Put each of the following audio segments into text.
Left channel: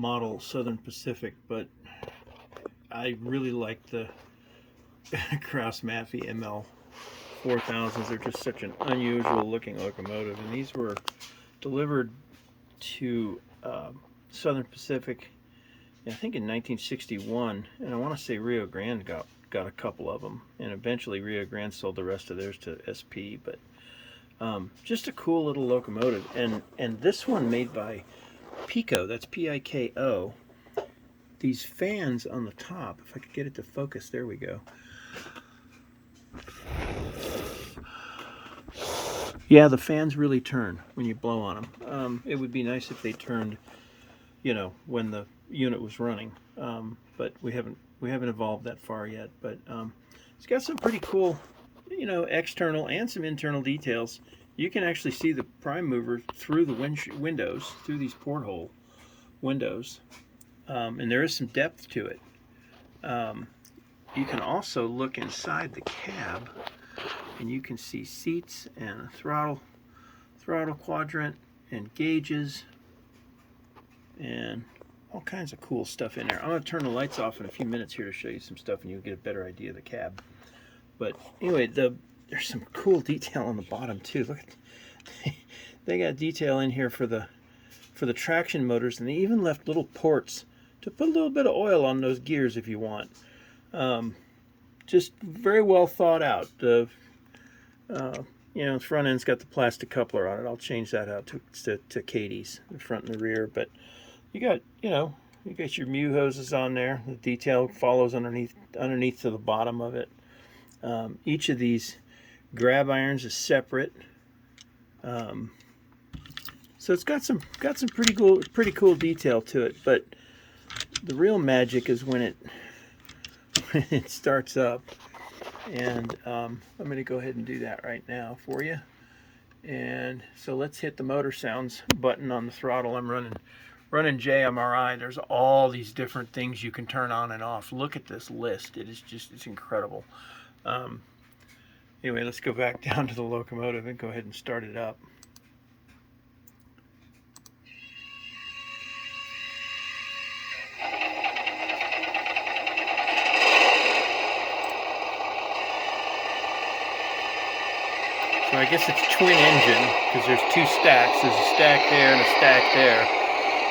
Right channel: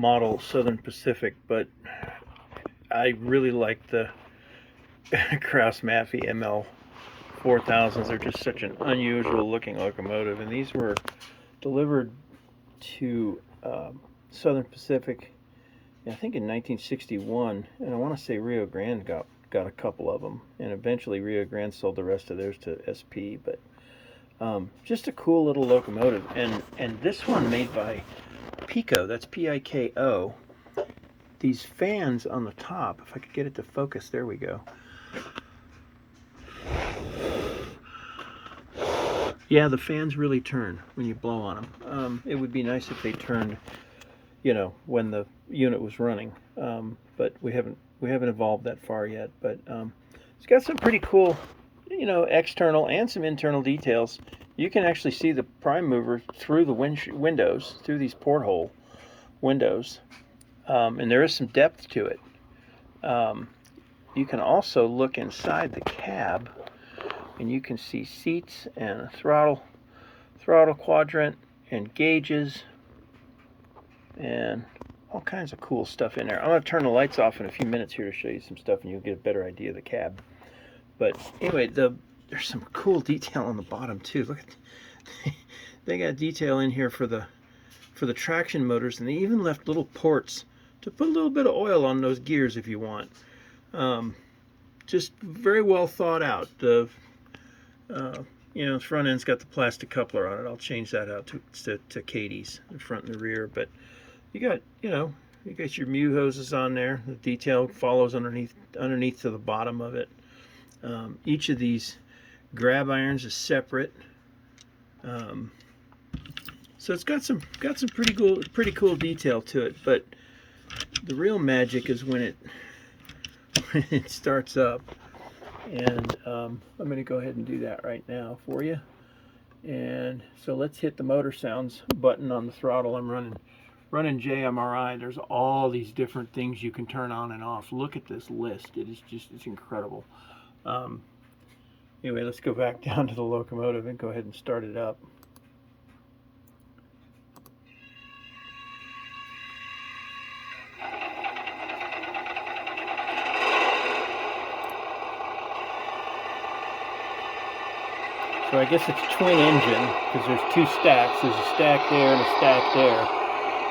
model Southern Pacific, but I really like the Krauss-Maffei ML-4000s. They're just such an unusual looking locomotive, and these were delivered to Southern Pacific, I think in 1961, and I want to say Rio Grande got a couple of them, and eventually Rio Grande sold the rest of theirs to SP. But just a cool little locomotive, and this one made by Piko. That's Piko. These fans on the top, if I could get it to focus, there we go. Yeah, the fans really turn when you blow on them. It would be nice if they turned, you know, when the unit was running, but we haven't evolved that far yet. But it's got some pretty cool, you know, external and some internal details. You can actually see the prime mover through the windows, through these porthole windows, and there is some depth to it. You can also look inside the cab, and you can see seats and a throttle quadrant and gauges and all kinds of cool stuff in there. I'm going to turn the lights off in a few minutes here to show you some stuff, and you'll get a better idea of the cab. But anyway, there's some cool detail on the bottom too. Look at they got detail in here for the traction motors, and they even left little ports to put a little bit of oil on those gears if you want. Just very well thought out. You know, the front end's got the plastic coupler on it. I'll change that out to Katie's, the front and the rear. But you got, you know, you got your Mew hoses on there. The detail follows underneath to the bottom of it. Each of these grab irons is separate. So it's got some pretty cool detail to it. But the real magic is when it starts up. And I'm going to go ahead and do that right now for you. And so let's hit the motor sounds button on the throttle. I'm running JMRI. There's all these different things you can turn on and off. Look at this list. It's incredible. Anyway, let's go back down to the locomotive and go ahead and start it up. So I guess it's twin engine because there's two stacks. There's a stack there and a stack there.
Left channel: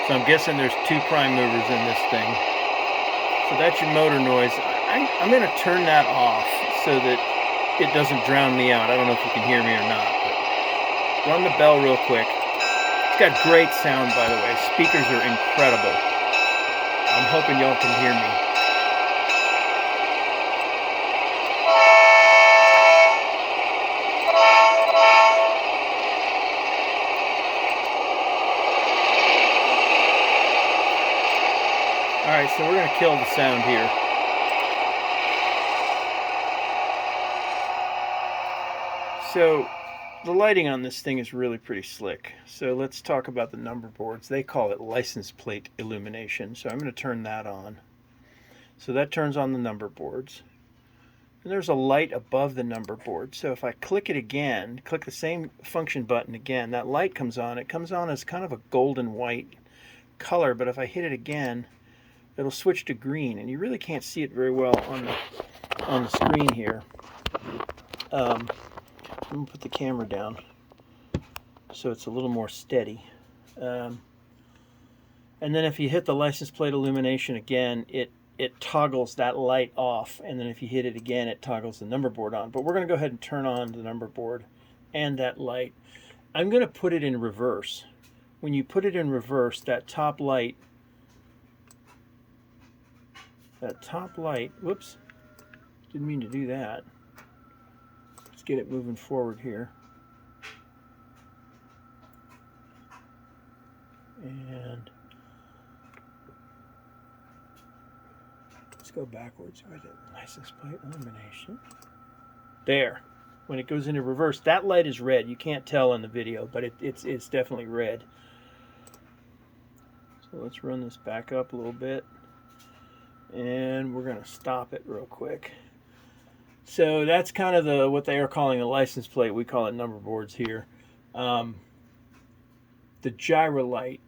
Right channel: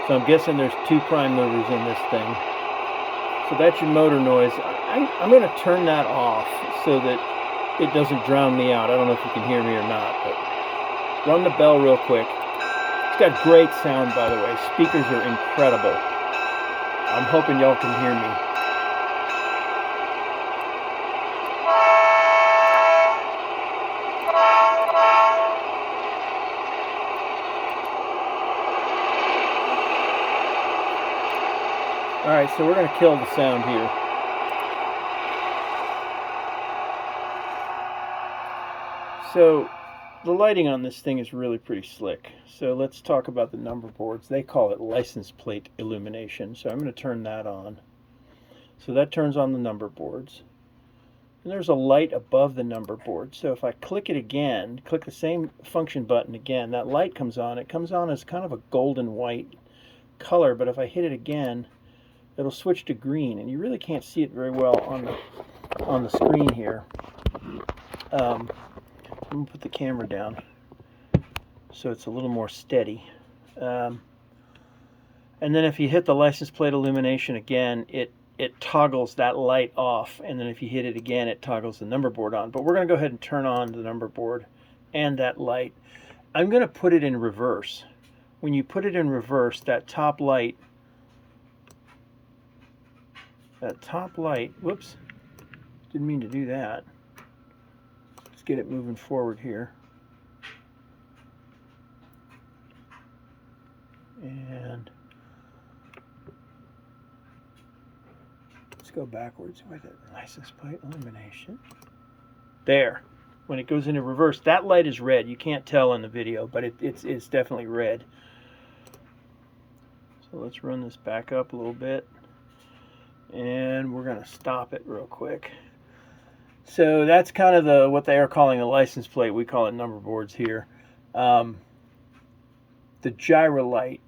So I'm guessing there's two prime movers in this thing. So that's your motor noise. I'm going to turn that off so that it doesn't drown me out. I don't know if you can hear me or not, but run the bell real quick. It's got great sound, by the way. Speakers are incredible. I'm hoping y'all can hear me. Alright, so we're going to kill the sound here. So the lighting on this thing is really pretty slick. So let's talk about the number boards. They call it license plate illumination. So I'm going to turn that on. So that turns on the number boards. And there's a light above the number board. So if I click it again, click the same function button again, that light comes on. It comes on as kind of a golden white color, but if I hit it again, it'll switch to green, and you really can't see it very well on the screen here. I'm going to put the camera down so it's a little more steady. And then if you hit the license plate illumination again, it toggles that light off, and then if you hit it again, it toggles the number board on. But we're going to go ahead and turn on the number board and that light. I'm going to put it in reverse. When you put it in reverse, that top light, whoops, didn't mean to do that. Let's get it moving forward here. And let's go backwards with it. License plate illumination. There. When it goes into reverse, that light is red. You can't tell in the video, but it's definitely red. So let's run this back up a little bit. And we're going to stop it real quick. So that's kind of what they are calling a license plate. We call it number boards here. The gyro light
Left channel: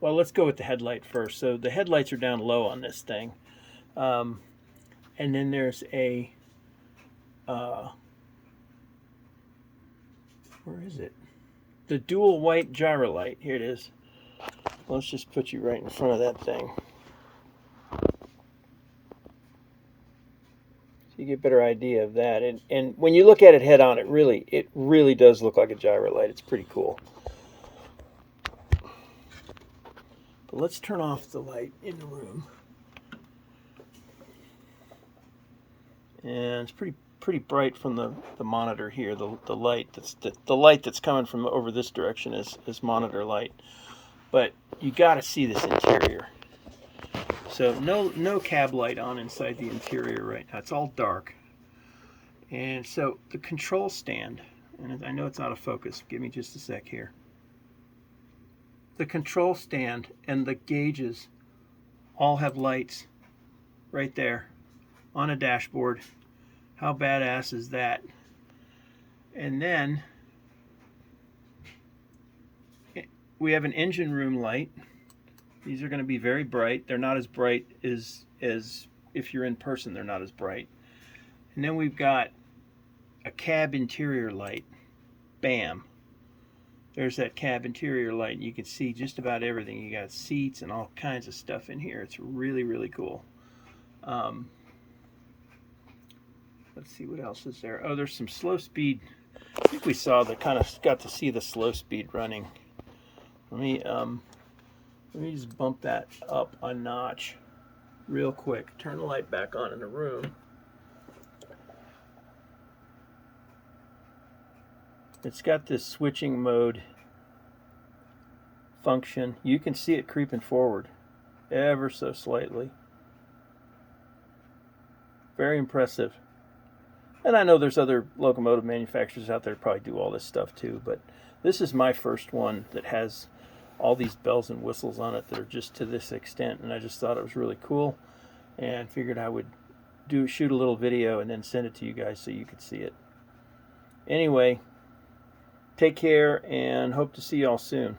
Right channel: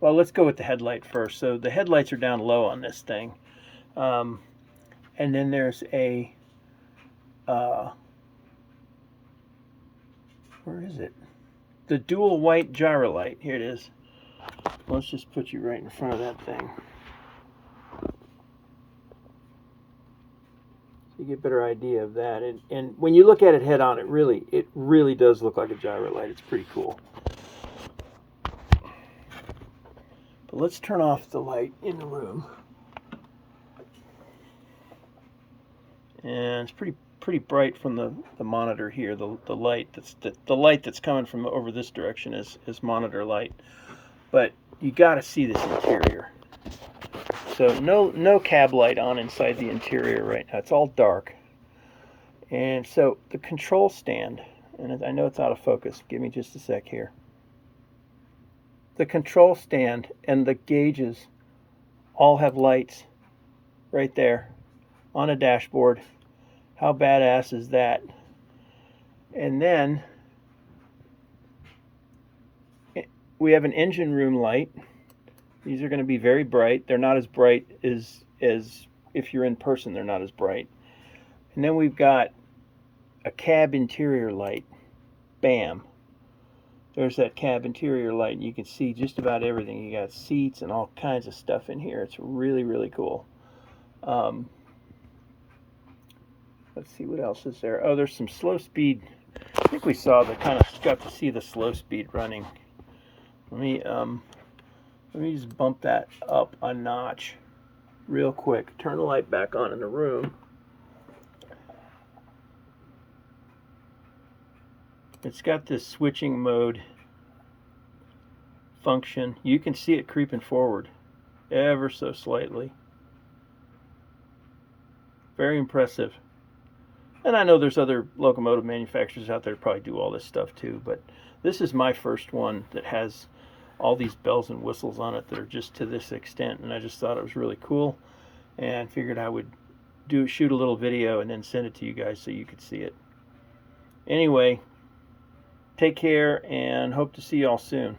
well, let's go with the headlight first. So the headlights are down low on this thing. And then there's a, where is it? The dual white gyro light. Here it is. Let's just put you right in front of that thing. So you get a better idea of that. And when you look at it head on, it really does look like a gyro light. It's pretty cool. But let's turn off the light in the room. And it's pretty bright from the monitor here. The light that's coming from over this direction is monitor light. But you got to see this interior. So no cab light on inside the interior right now. It's all dark. And so the control stand, and I know it's out of focus. Give me just a sec here. The control stand and the gauges all have lights right there on a dashboard. How badass is that? And then we have an engine room light. These are going to be very bright. They're not as bright as if you're in person. They're not as bright. And then we've got a cab interior light. Bam. There's that cab interior light, and you can see just about everything. You got seats and all kinds of stuff in here. It's really cool. Let's see what else is there. Oh, there's some slow speed. I think we saw got to see the slow speed running. Let me just bump that up a notch real quick. Turn the light back on in the room. It's got this switching mode function. You can see it creeping forward ever so slightly. Very impressive. And I know there's other locomotive manufacturers out there that probably do all this stuff too, but this is my first one that has all these bells and whistles on it that are just to this extent, and I just thought it was really cool and figured I would shoot a little video and then send it to you guys so you could see it. Anyway, take care and hope to see y'all soon.